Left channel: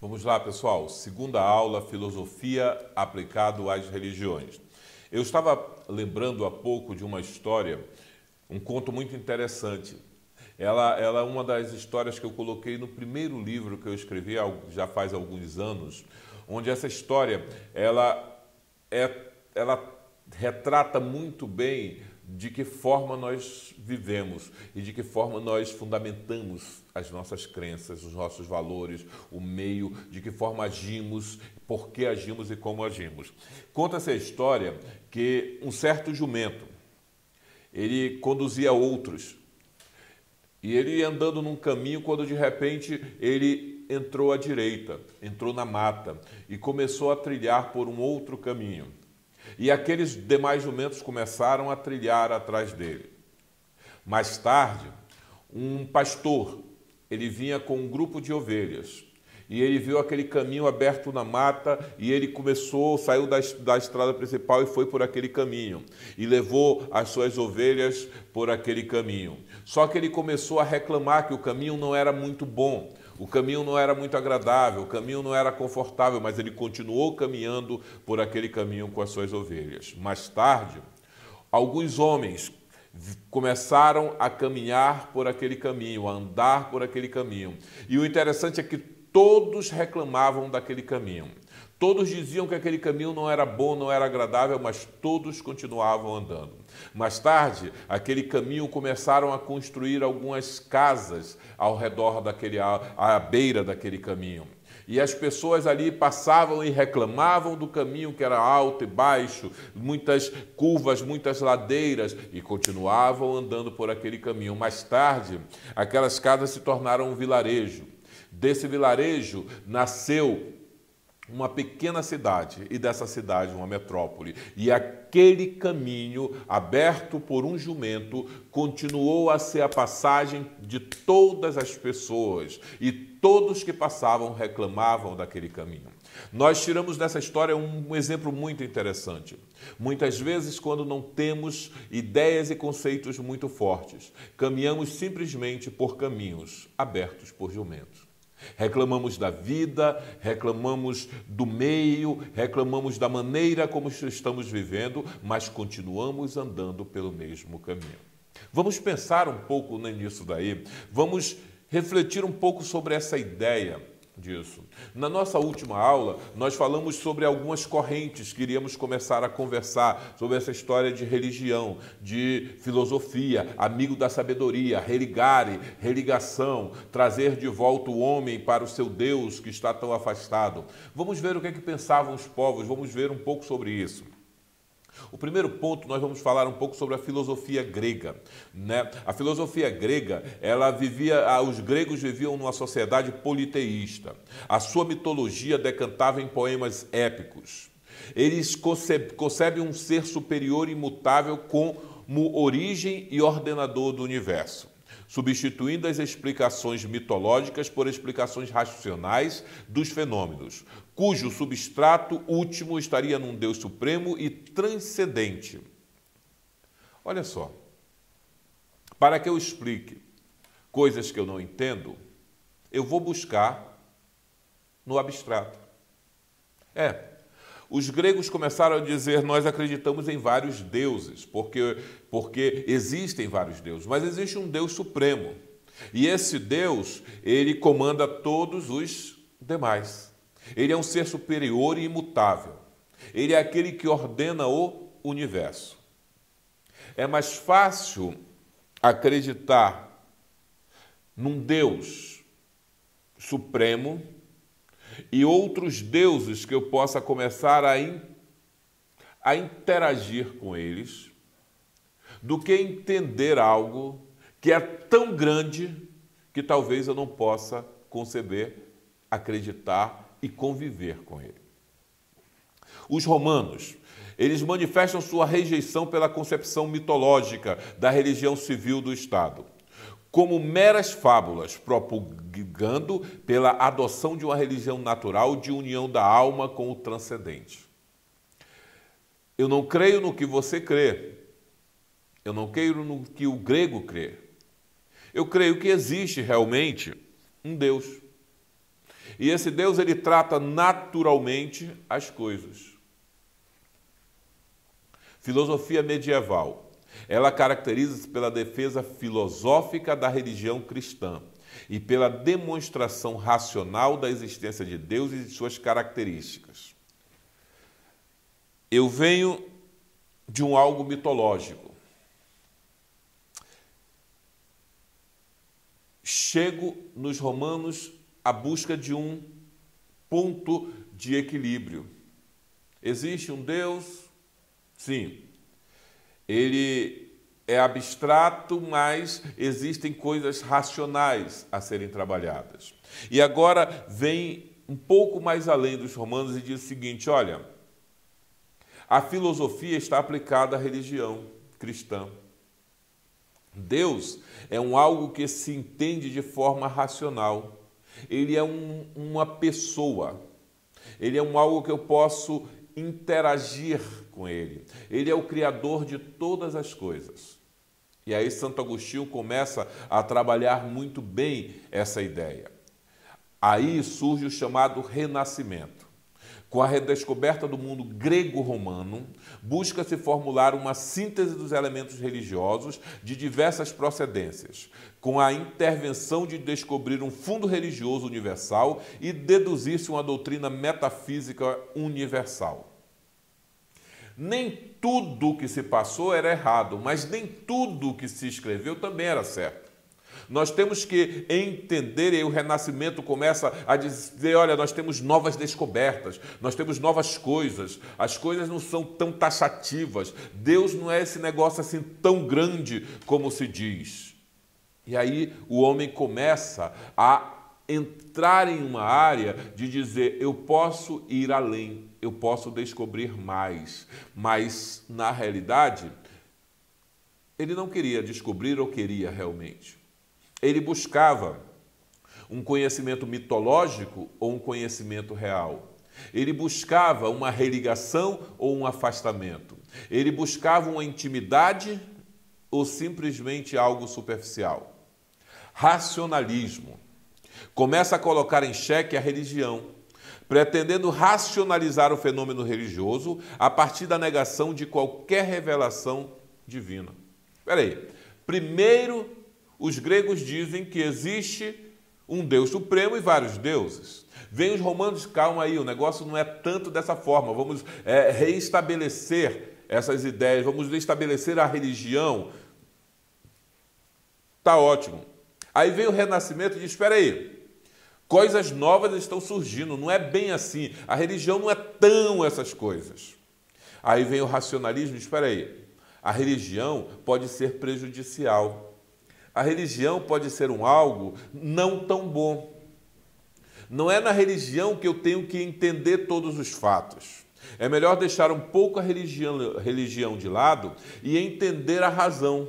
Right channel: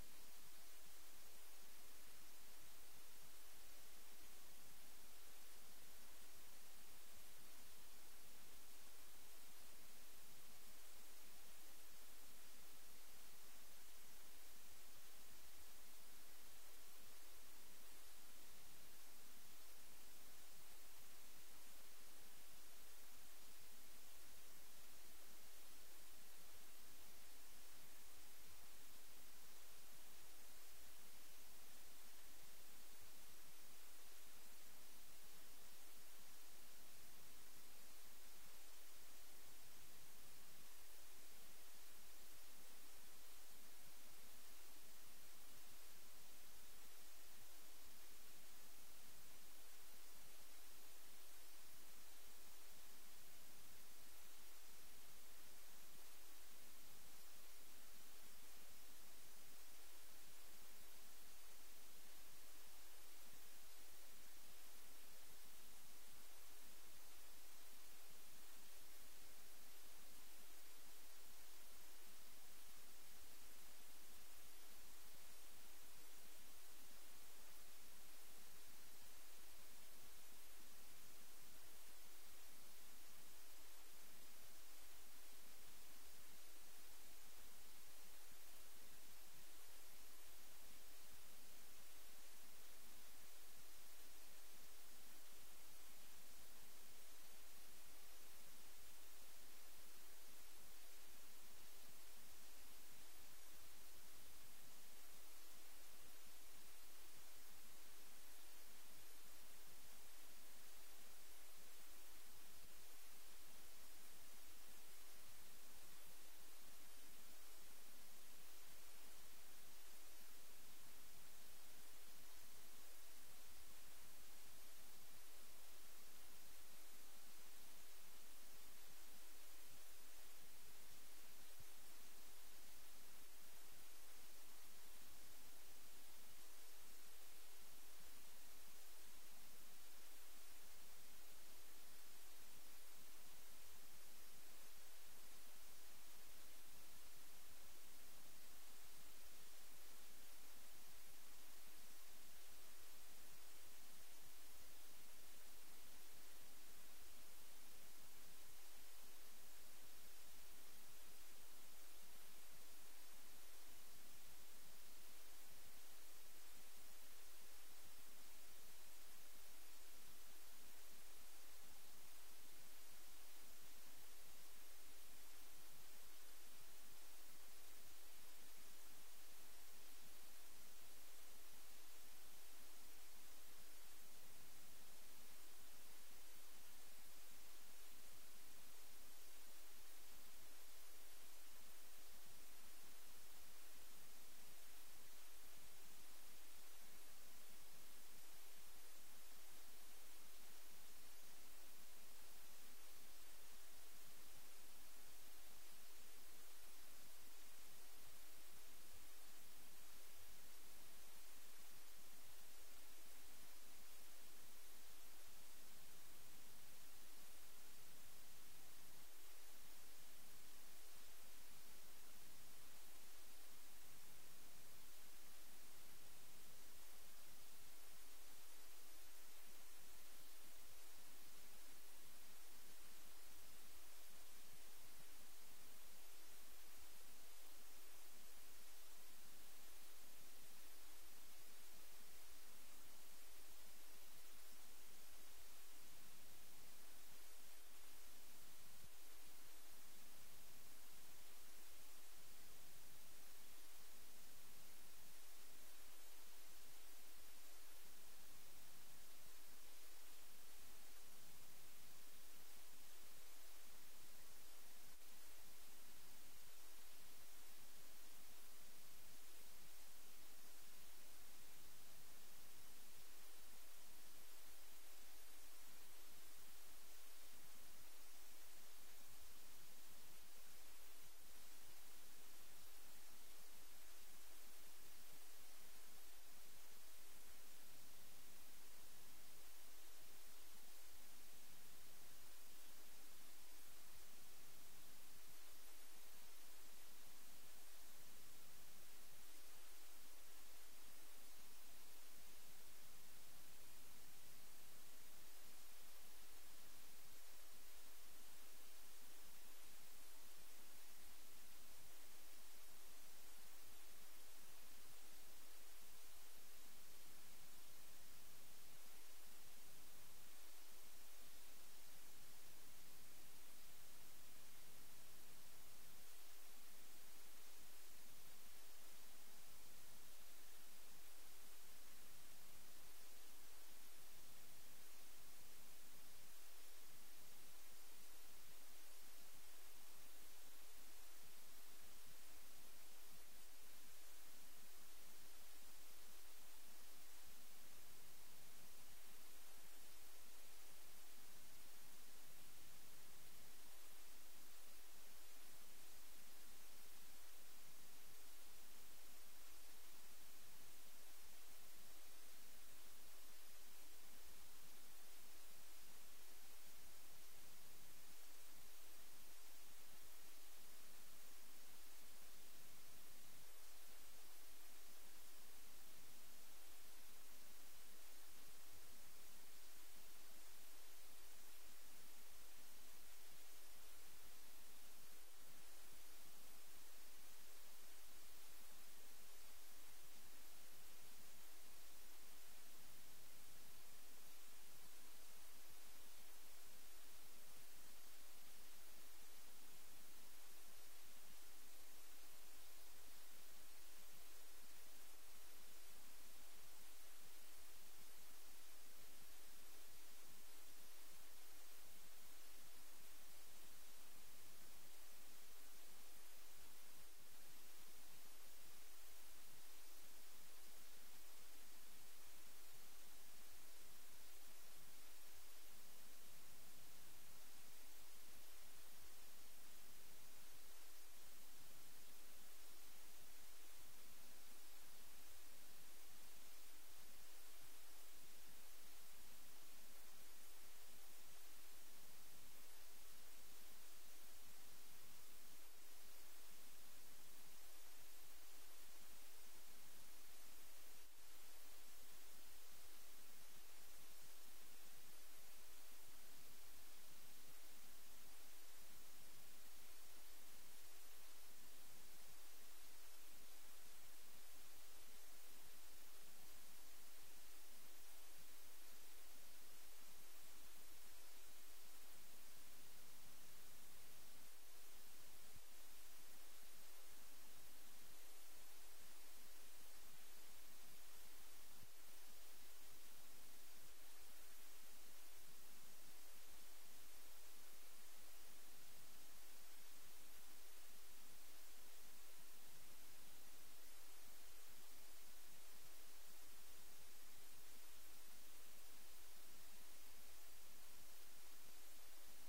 Vamos lá, pessoal. Segunda aula, filosofia aplicado às religiões. Eu estava lembrando há pouco de uma história, um conto muito interessante. Ela é uma das histórias que eu coloquei no primeiro livro que eu escrevi já faz alguns anos, onde essa história é, ela retrata muito bem de que forma nós vivemos e de que forma nós fundamentamos as nossas crenças, os nossos valores, o meio, de que forma agimos, por que agimos e como agimos. Conta-se a história que um certo jumento, ele conduzia outros e ele ia andando num caminho quando de repente ele entrou à direita, entrou na mata e começou a trilhar por um outro caminho. E aqueles demais jumentos começaram a trilhar atrás dele. Mais tarde, um pastor, ele vinha com um grupo de ovelhas. E ele viu aquele caminho aberto na mata e ele saiu da estrada principal e foi por aquele caminho. E levou as suas ovelhas por aquele caminho. Só que ele começou a reclamar que o caminho não era muito bom. O caminho não era muito agradável, o caminho não era confortável, mas ele continuou caminhando por aquele caminho com as suas ovelhas. Mais tarde, alguns homens começaram a caminhar por aquele caminho, a andar por aquele caminho. E o interessante é que todos reclamavam daquele caminho. Todos diziam que aquele caminho não era bom, não era agradável, mas todos continuavam andando. Mais tarde, aquele caminho começaram a construir algumas casas ao redor à beira daquele caminho. E as pessoas ali passavam e reclamavam do caminho que era alto e baixo, muitas curvas, muitas ladeiras, e continuavam andando por aquele caminho. Mais tarde, aquelas casas se tornaram um vilarejo. Desse vilarejo nasceu uma pequena cidade, e dessa cidade uma metrópole. E aquele caminho, aberto por um jumento, continuou a ser a passagem de todas as pessoas, e todos que passavam reclamavam daquele caminho. Nós tiramos dessa história um exemplo muito interessante. Muitas vezes, quando não temos ideias e conceitos muito fortes, caminhamos simplesmente por caminhos abertos por jumentos. Reclamamos da vida, reclamamos do meio, reclamamos da maneira como estamos vivendo, mas continuamos andando pelo mesmo caminho. Vamos pensar um pouco nisso daí, vamos refletir um pouco sobre essa ideia disso. Na nossa última aula, nós falamos sobre algumas correntes que iríamos começar a conversar sobre essa história de religião, de filosofia, amigo da sabedoria, religare, religação, trazer de volta o homem para o seu Deus que está tão afastado. Vamos ver o que é que pensavam os povos, vamos ver um pouco sobre isso. O primeiro ponto, nós vamos falar um pouco sobre a filosofia grega, né? A filosofia grega, os gregos viviam numa sociedade politeísta. A sua mitologia decantava em poemas épicos. Eles concebem um ser superior e imutável como origem e ordenador do universo, substituindo as explicações mitológicas por explicações racionais dos fenômenos, cujo substrato último estaria num Deus supremo e transcendente. Olha só, para que eu explique coisas que eu não entendo, eu vou buscar no abstrato. Os gregos começaram a dizer: nós acreditamos em vários deuses, porque existem vários deuses, mas existe um Deus supremo. E esse Deus, ele comanda todos os demais. Ele é um ser superior e imutável. Ele é aquele que ordena o universo. É mais fácil acreditar num Deus supremo e outros deuses que eu possa começar a interagir com eles, do que entender algo que é tão grande que talvez eu não possa conceber, acreditar e conviver com ele. Os romanos, eles manifestam sua rejeição pela concepção mitológica da religião civil do Estado, como meras fábulas, propagando pela adoção de uma religião natural de união da alma com o transcendente. Eu não creio no que você crê. Eu não creio no que o grego crê. Eu creio que existe realmente um Deus. E esse Deus, ele trata naturalmente as coisas. Filosofia medieval. Ela caracteriza-se pela defesa filosófica da religião cristã e pela demonstração racional da existência de Deus e de suas características. Eu venho de algo mitológico. Chego nos Romanos à busca de um ponto de equilíbrio. Existe um Deus? Sim. Ele é abstrato, mas existem coisas racionais a serem trabalhadas. E agora vem um pouco mais além dos Romanos e diz o seguinte, olha, a filosofia está aplicada à religião cristã. Deus é algo que se entende de forma racional. Ele é uma pessoa. Ele é algo que eu posso interagir com ele. Ele é o criador de todas as coisas. E aí Santo Agostinho começa a trabalhar muito bem essa ideia. Aí surge o chamado Renascimento. Com a redescoberta do mundo grego-romano, busca-se formular uma síntese dos elementos religiosos de diversas procedências, com a intervenção de descobrir um fundo religioso universal e deduzir-se uma doutrina metafísica universal. Nem tudo o que se passou era errado, mas nem tudo o que se escreveu também era certo. Nós temos que entender, e o Renascimento começa a dizer, olha, nós temos novas descobertas, nós temos novas coisas, as coisas não são tão taxativas, Deus não é esse negócio assim tão grande como se diz. E aí o homem começa a entrar em uma área de dizer, eu posso ir além, eu posso descobrir mais, mas na realidade ele não queria descobrir ou queria realmente. Ele buscava um conhecimento mitológico ou um conhecimento real. Ele buscava uma religação ou um afastamento. Ele buscava uma intimidade ou simplesmente algo superficial. Racionalismo. Começa a colocar em xeque a religião, pretendendo racionalizar o fenômeno religioso a partir da negação de qualquer revelação divina. Espera aí. Primeiro, os gregos dizem que existe um Deus supremo e vários deuses. Vem os romanos, calma aí, o negócio não é tanto dessa forma. Vamos reestabelecer essas ideias, vamos restabelecer a religião. Tá ótimo. Aí vem o Renascimento e diz, espera aí, coisas novas estão surgindo, não é bem assim. A religião não é tão essas coisas. Aí vem o racionalismo e diz, espera aí, a religião pode ser prejudicial. A religião pode ser algo não tão bom. Não é na religião que eu tenho que entender todos os fatos. É melhor deixar um pouco a religião de lado e entender a razão.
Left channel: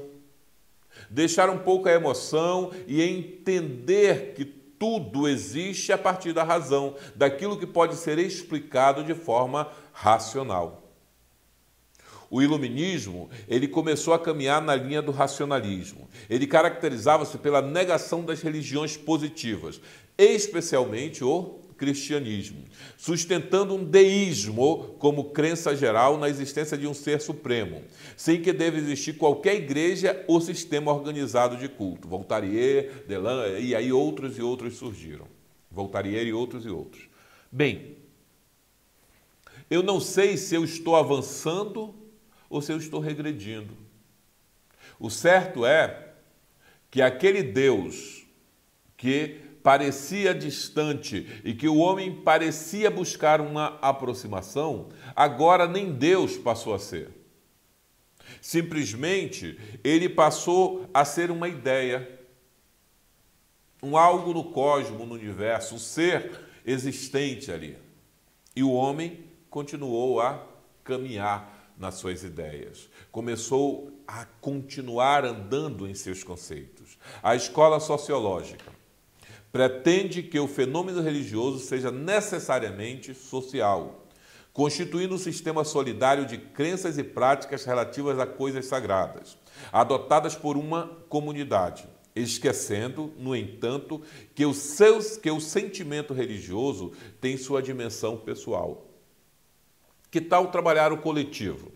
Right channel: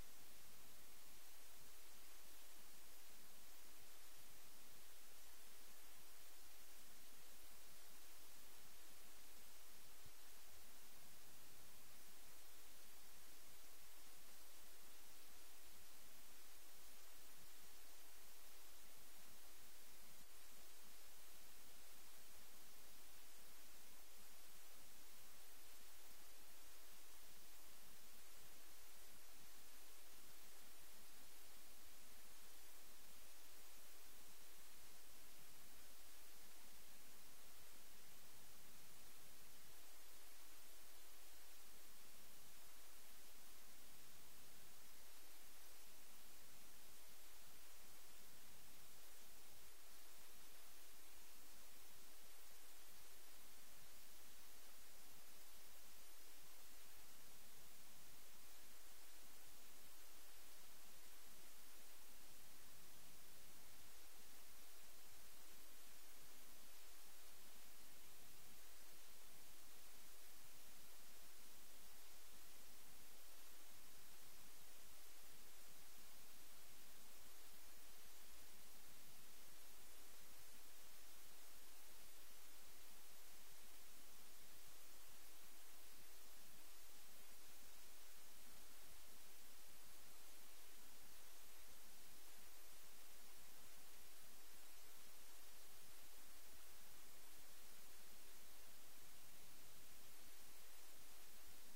Deixar um pouco a emoção e entender que tudo existe a partir da razão, daquilo que pode ser explicado de forma racional. O iluminismo, ele começou a caminhar na linha do racionalismo. Ele caracterizava-se pela negação das religiões positivas, especialmente o cristianismo, sustentando um deísmo como crença geral na existência de um ser supremo, sem que deva existir qualquer igreja ou sistema organizado de culto. Voltaire, Delan, e aí outros e outros surgiram. Voltaire e outros e outros. Bem, eu não sei se eu estou avançando ou se eu estou regredindo. O certo é que aquele Deus que parecia distante e que o homem parecia buscar uma aproximação, agora nem Deus passou a ser. Simplesmente, ele passou a ser uma ideia, um algo no cosmos, no universo, um ser existente ali. E o homem continuou a caminhar nas suas ideias. Começou a continuar andando em seus conceitos. A escola sociológica pretende que o fenômeno religioso seja necessariamente social, constituindo um sistema solidário de crenças e práticas relativas a coisas sagradas, adotadas por uma comunidade. esquecendo, no entanto, que o sentimento religioso tem sua dimensão pessoal. Que tal trabalhar o coletivo?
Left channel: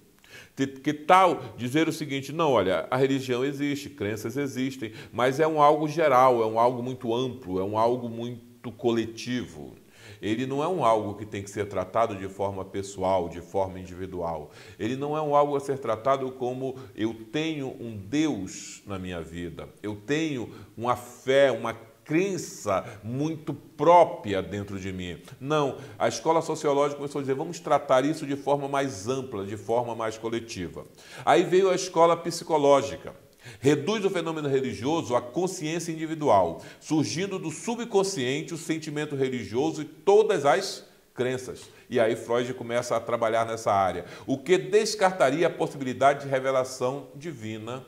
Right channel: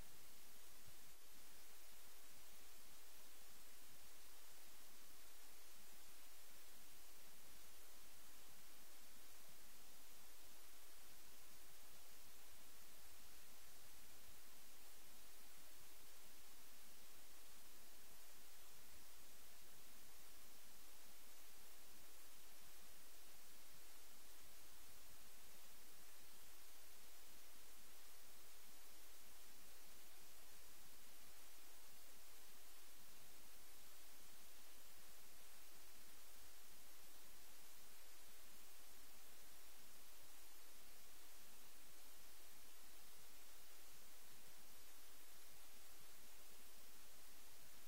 Que tal dizer o seguinte, não, olha, a religião existe, crenças existem, mas é um algo geral, é um algo muito amplo, é um algo muito coletivo. Ele não é um algo que tem que ser tratado de forma pessoal, de forma individual. Ele não é um algo a ser tratado como eu tenho um Deus na minha vida, eu tenho uma fé, uma crença muito própria dentro de mim. Não, a escola sociológica começou a dizer, vamos tratar isso de forma mais ampla, de forma mais coletiva. Aí veio a escola psicológica. Reduz o fenômeno religioso à consciência individual, surgindo do subconsciente o sentimento religioso e todas as crenças. E aí Freud começa a trabalhar nessa área, o que descartaria a possibilidade de revelação divina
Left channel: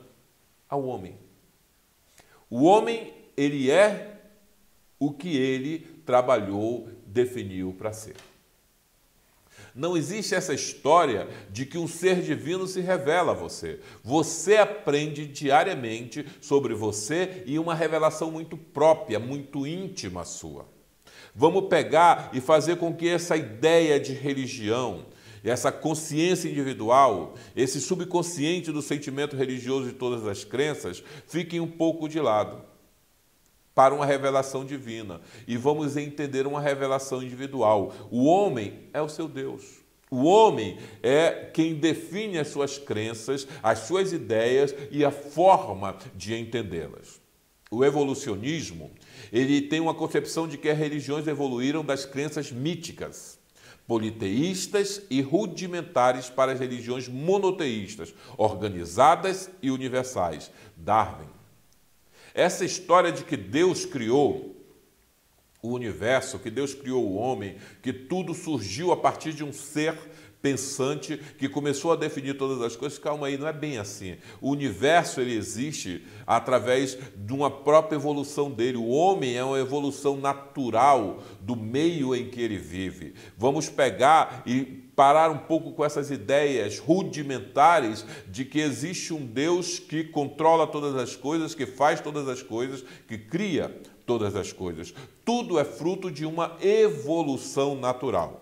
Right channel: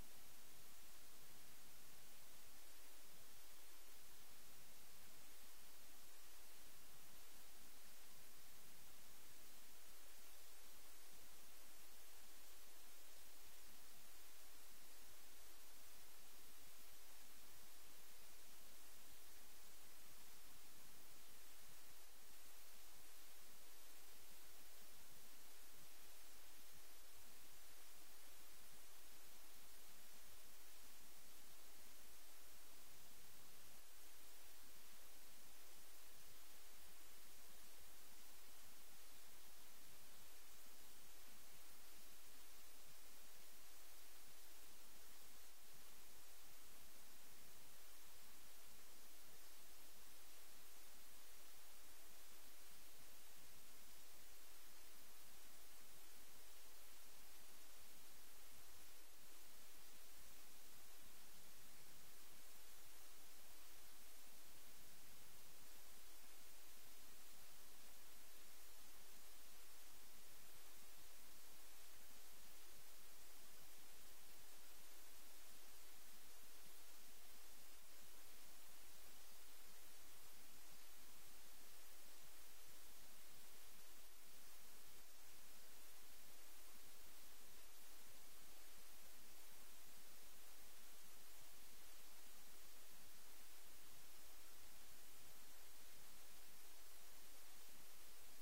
ao homem. O homem, ele é o que ele trabalhou, definiu para ser. Não existe essa história de que um ser divino se revela a você. Você aprende diariamente sobre você e uma revelação muito própria, muito íntima sua. Vamos pegar e fazer com que essa ideia de religião, essa consciência individual, esse subconsciente do sentimento religioso de todas as crenças, fiquem um pouco de lado para uma revelação divina. E vamos entender uma revelação individual. O homem é o seu Deus. O homem é quem define as suas crenças, as suas ideias e a forma de entendê-las. O evolucionismo, ele tem uma concepção de que as religiões evoluíram das crenças míticas, politeístas e rudimentares para as religiões monoteístas, organizadas e universais. Darwin. Essa história de que Deus criou o universo, que Deus criou o homem, que tudo surgiu a partir de um ser pensante que começou a definir todas as coisas, calma aí, não é bem assim. O universo, ele existe através de uma própria evolução dele. O homem é uma evolução natural do meio em que ele vive. Vamos pegar e parar um pouco com essas ideias rudimentares de que existe um Deus que controla todas as coisas, que faz todas as coisas, que cria todas as coisas. Tudo é fruto de uma evolução natural.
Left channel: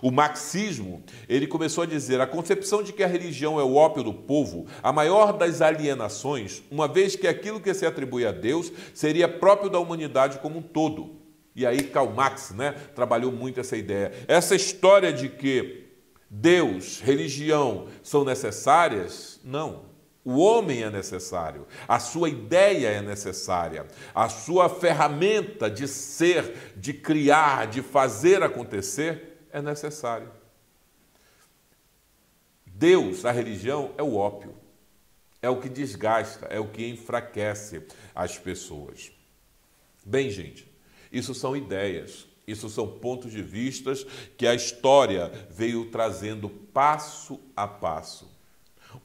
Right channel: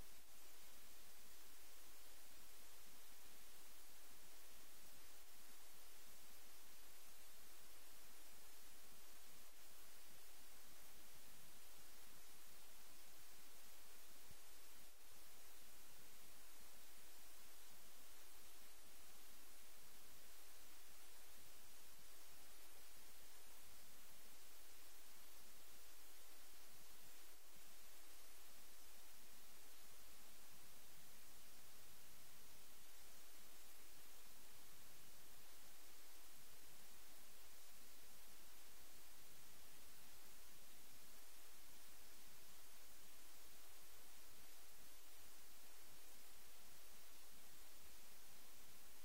O marxismo, ele começou a dizer, a concepção de que a religião é o ópio do povo, a maior das alienações, uma vez que aquilo que se atribui a Deus seria próprio da humanidade como um todo. E aí Karl Marx, trabalhou muito essa ideia. Essa história de que Deus, religião são necessárias? Não. O homem é necessário, a sua ideia é necessária, a sua ferramenta de ser, de criar, de fazer acontecer é necessário. Deus, a religião, é o ópio, é o que desgasta, é o que enfraquece as pessoas. Bem, gente, isso são ideias. Isso são pontos de vista que a história veio trazendo passo a passo.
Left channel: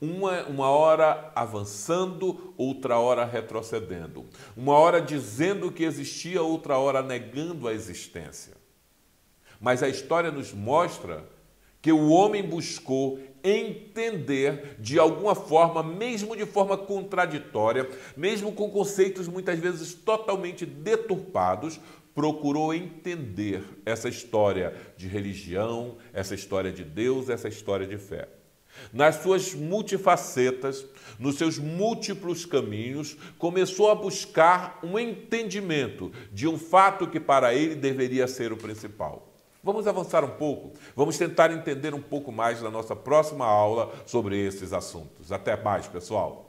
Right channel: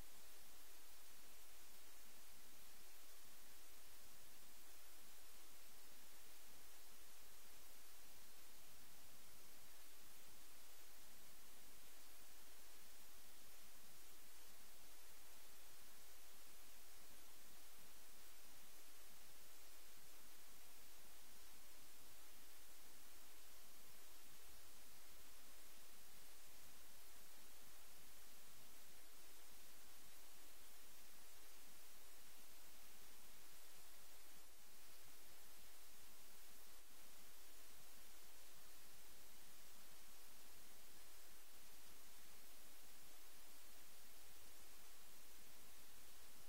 Uma hora avançando, outra hora retrocedendo. Uma hora dizendo que existia, outra hora negando a existência. Mas a história nos mostra que o homem buscou entender de alguma forma, mesmo de forma contraditória, mesmo com conceitos muitas vezes totalmente deturpados, procurou entender essa história de religião, essa história de Deus, essa história de fé. Nas suas multifacetas, nos seus múltiplos caminhos, começou a buscar um entendimento de um fato que para ele deveria ser o principal. Vamos avançar um pouco? Vamos tentar entender um pouco mais na nossa próxima aula sobre esses assuntos. Até mais, pessoal!